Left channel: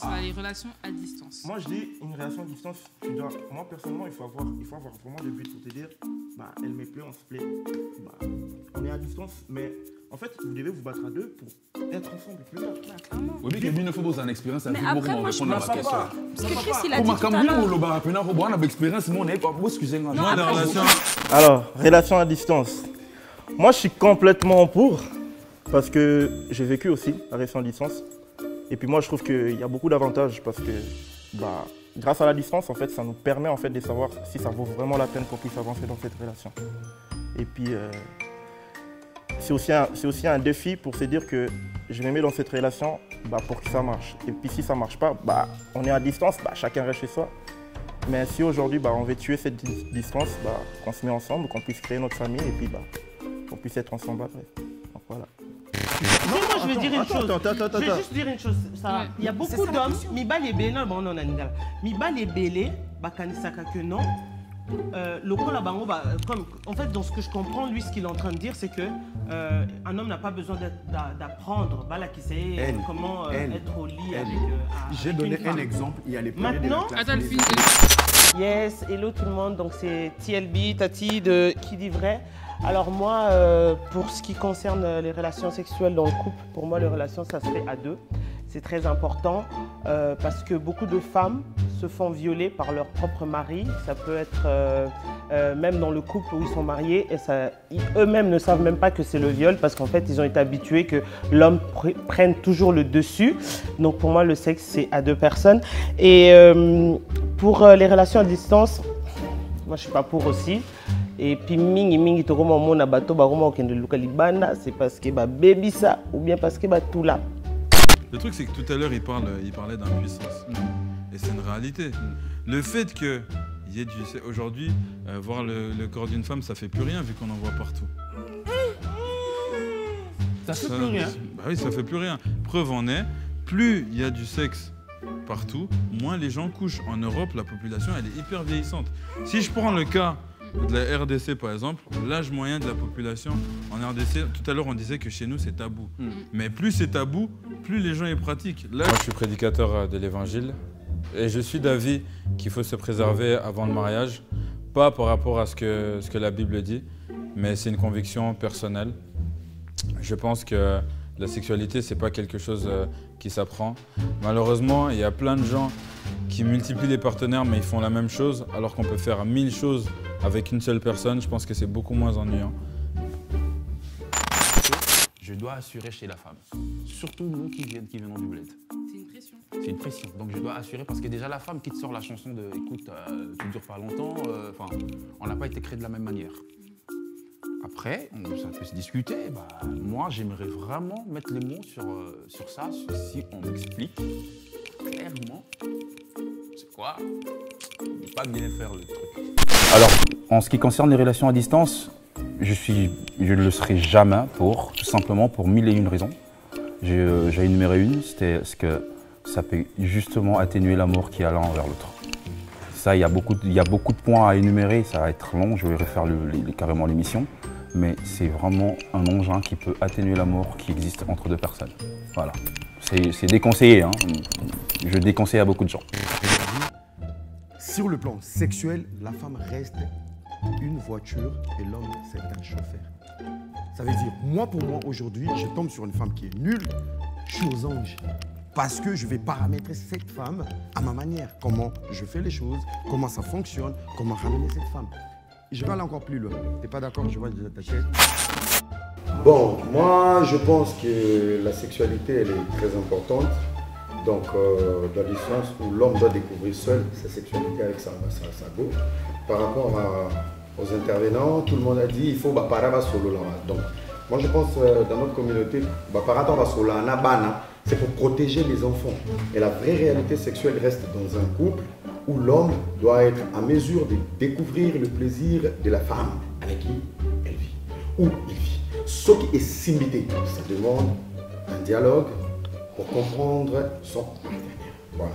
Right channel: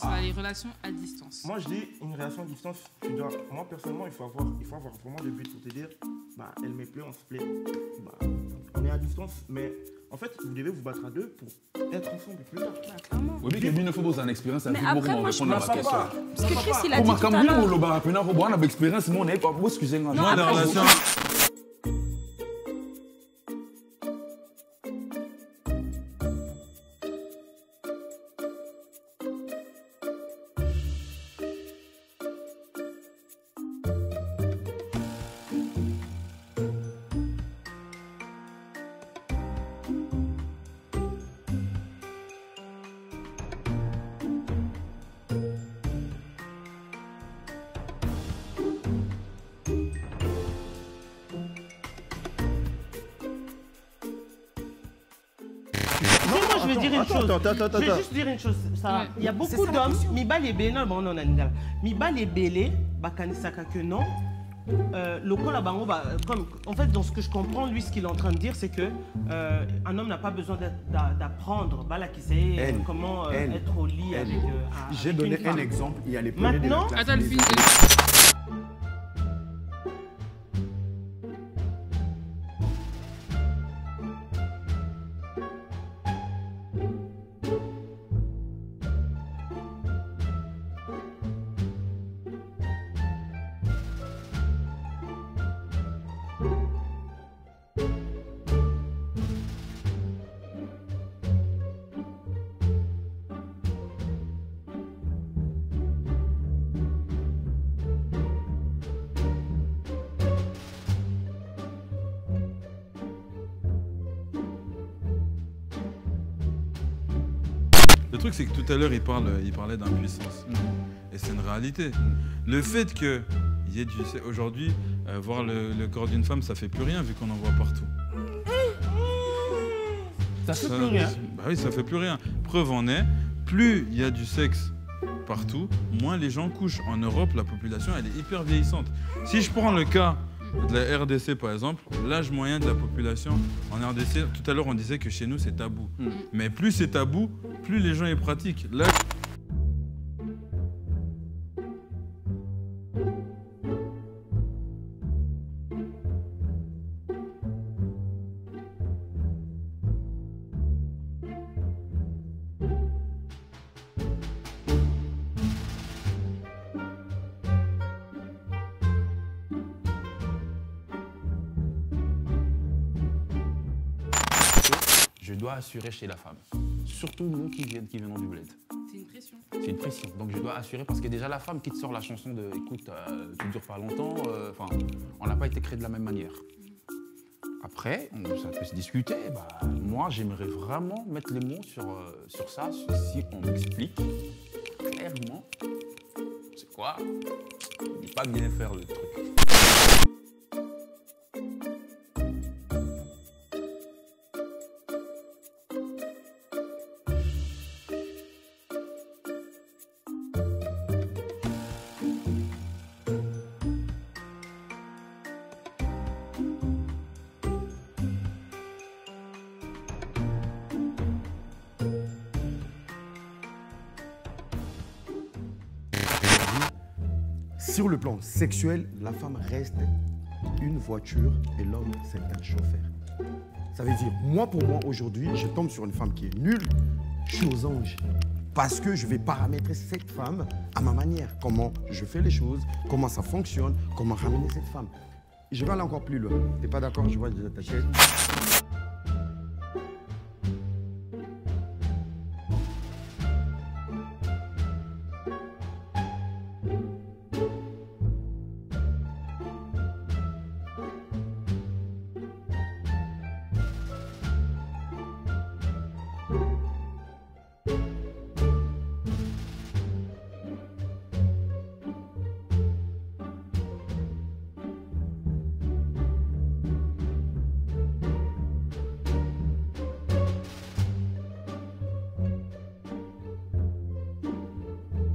Ça, les relations à distance. Moi, je dis une relation à distance, moi personnellement, il faut avoir vraiment le but pour te dire, bah, elle me plaît, on se plaît. Bah, on est à distance, mais en fait, vous devez vous battre à deux pour être ensemble plus tard. Bah, clairement. Oui, mais Kevin, il faut poser une expérience à Mais vivre après, pour moi, je répondre à pense ma question. Parce que Chris, il a dit Comment tout à quand l'heure. le barapena, on a une expérience, moi, on n'est pas beau, excusez-moi. Non, Moi, des après, relations. Alors, relation à distance. Moi, je suis complètement pour, parce que j'ai vécu aussi la relation à distance. Et puis moi, je trouve qu'il y a beaucoup d'avantages, parce que bah, grâce à la distance, en fait, ça nous permet en fait, de savoir si ça vaut vraiment la peine qu'on puisse avancer dans cette relation. Et puis, c'est aussi un défi pour se dire que je me mets dans cette relation bah, pour que ça marche. Et puis si ça ne marche pas, bah, on est à distance, bah, chacun reste chez soi. Mais si aujourd'hui bah, on veut tuer cette distance, bah, qu'on se met ensemble, qu'on puisse créer notre famille et puis bah, qu'on puisse être ensemble après. Donc voilà. Moi, je vais dire une chose. Attends. Je vais juste dire une chose. Ça, il y a beaucoup d'hommes, Miba les Bélé, bon, non, Miba les Bélé, Bakanisaka que non. Le coup là, comme en fait, dans ce que je comprends, lui, ce qu'il est en train de dire, c'est que un homme n'a pas besoin d'apprendre, qui sait comment être au lit avec. J'ai donné un exemple. Il y a les premiers Maintenant, de la classe. Attends, le film. Yes, hello tout le monde, donc c'est TLB, Tati de Qui dit vrai. Alors moi, pour ce qui concerne les relations sexuelles dans le couple, pour moi les relations ça se fait à deux. C'est très important parce que beaucoup de femmes se font violer par leur propre mari. Ça peut être même dans le couple où ils sont mariés et eux-mêmes ne savent même pas que c'est le viol parce qu'en fait ils ont été habitués que l'homme prenne toujours le dessus. Donc pour moi le sexe c'est à deux personnes. Et pour les relations à distance, moi je suis pas pour aussi. Et puis mingi to koma mona bato ba koma okende luka libanda, c'est parce que ba baby ça ou bien parce que ba tout là. Le truc, c'est que tout à l'heure, il parlait d'impuissance. Et c'est une réalité. Le fait qu'il y ait du... Aujourd'hui, voir le corps d'une femme, ça fait plus rien vu qu'on en voit partout. Ça fait plus rien. Bah oui, ça fait plus rien. Preuve en est, plus il y a du sexe partout, moins les gens couchent. En Europe, la population, elle est hyper vieillissante. Si je prends le cas de la RDC, par exemple, l'âge moyen de la population en RDC, tout à l'heure, on disait que chez nous, c'est tabou. Mais plus c'est tabou, plus les gens y pratiquent. Là, je suis prédicateur de l'Évangile et je suis d'avis qu'il faut se préserver avant le mariage, pas par rapport à ce que la Bible dit, mais c'est une conviction personnelle. Je pense que la sexualité, c'est pas quelque chose qui s'apprend. Malheureusement, il y a plein de gens qui multiplient les partenaires, mais ils font la même chose, alors qu'on peut faire 1000 choses avec une seule personne. Je pense que c'est beaucoup moins ennuyant. Je dois assurer chez la femme. Surtout nous qui venons du bled. C'est une pression. C'est une pression. Donc je dois assurer parce que déjà la femme qui te sort la chanson de écoute, tu ne dures pas longtemps, on n'a pas été créé de la même manière. Après, ça peut se discuter. Bah, moi, j'aimerais vraiment mettre les mots sur ça, si on m'explique clairement c'est quoi, ne pas bien faire le truc. Alors, en ce qui concerne les relations à distance, je ne le serai jamais pour, tout simplement pour 1001 raisons. J'ai énuméré une, c'était ce que ça peut justement atténuer l'amour qui est l'un envers l'autre. Ça, il y a beaucoup de points à énumérer, ça va être long, je vais refaire carrément l'émission. Mais c'est vraiment un engin qui peut atténuer l'amour qui existe entre deux personnes. Voilà. C'est déconseillé, hein. Je déconseille à beaucoup de gens. Sur le plan sexuel, la femme reste une voiture et l'homme, c'est un chauffeur. Ça veut dire, moi pour moi, aujourd'hui, je tombe sur une femme qui est nulle, je suis aux anges. Parce que je vais paramétrer cette femme à ma manière. Comment je fais les choses, comment ça fonctionne, comment ramener cette femme. Je vais aller encore plus loin. T'es pas d'accord? Je vois déjà ta chaise. Bon, moi, je pense que la sexualité, elle est très importante. Donc, dans le sens où l'homme doit découvrir seul sa sexualité avec sa go. Par rapport aux intervenants, tout le monde a dit il faut parava solo là. Donc, moi, je pense dans notre communauté, parava solo là, c'est pour protéger les enfants. Et la vraie réalité sexuelle reste dans un couple où l'homme doit être en mesure de découvrir le plaisir de la femme avec qui elle vit, où il vit. Ce qui est similité, ça demande un dialogue pour comprendre son partenaire. Voilà.